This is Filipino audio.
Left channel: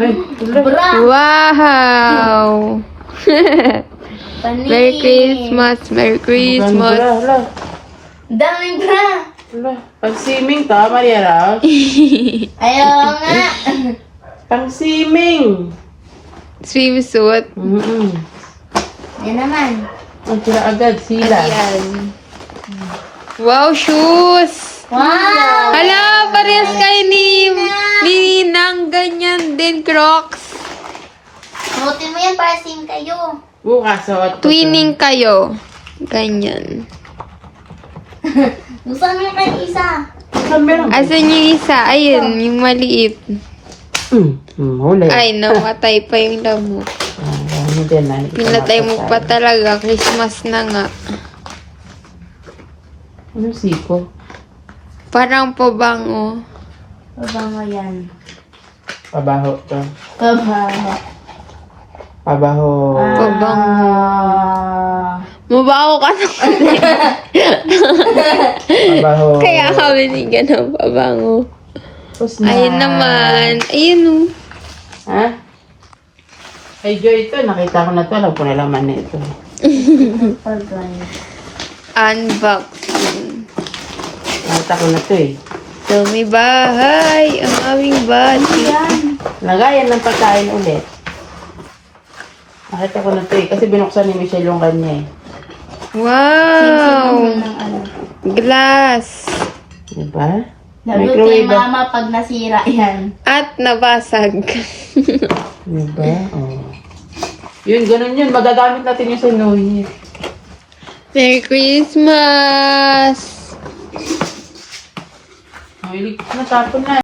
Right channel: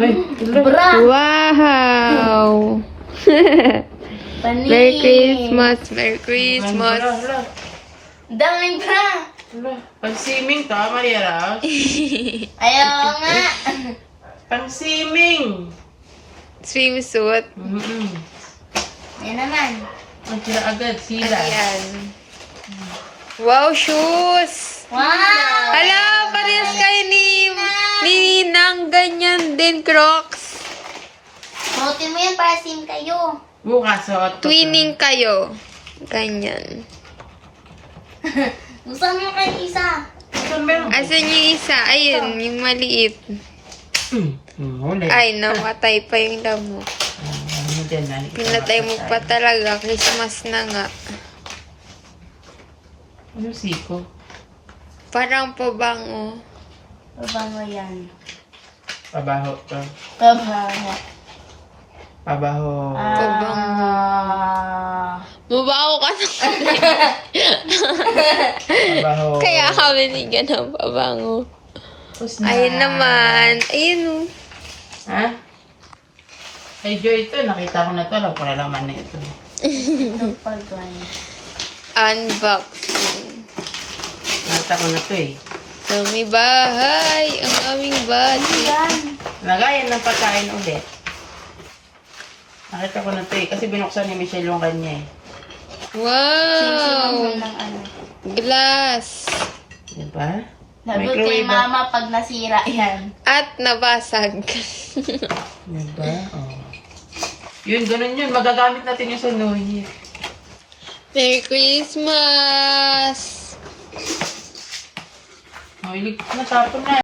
Ay, Bra! Wow! Panis! Merry Christmas! Merry Christmas! Hala. Daming bra! Hala. Pang-swimming ka, Maria Rose? Ayaw nga! Pang-swimming! Swimsuit. Yan naman. Ang tira agad, sila. Ayan. Wow, shoes! Wow! Hala, parehas kayo ni Ninang. Ganyan din, Crocs. Suotin mo yan para same kayo. Bukas, suot ko. Twinning kayo. Ganyan. Gusto mo kayo isa? Saan meron? Asan yung isa? Ayun, yung maliit. Huli. Ay, namatay pa yung lamok. Ano din, Pinatay mo pa talaga. Christmas na nga. Ano siko? Parang pabango. Pabango yan. Pabaho to. Pabango. Pabaho. Pabango. Mabaho ka na. Pabaho. Kaya kami binigyan ng pabango. Tapos na. Ayun naman. Ayun o. Ha? Ay, Joy, ito. Nakita ko na ito. Alam ko na laman na ito. Pabango. Unboxing. Nakita ko na ito eh. Dumi bahay. Ang aming bati. Yan. Lagayan ng pagkain ulit. Nakita ko na ito eh. Kasi binuksan ni Michelle yung kanya eh. Wow. Sing-sing ng ano. Glass. Diba? Lagot kay mama pag nasira yan. At nabasag. Diba? Oh. Yun, ganun yun. Magagamit natin yung sa New Year. Merry Christmas! Mahilig na tapon na.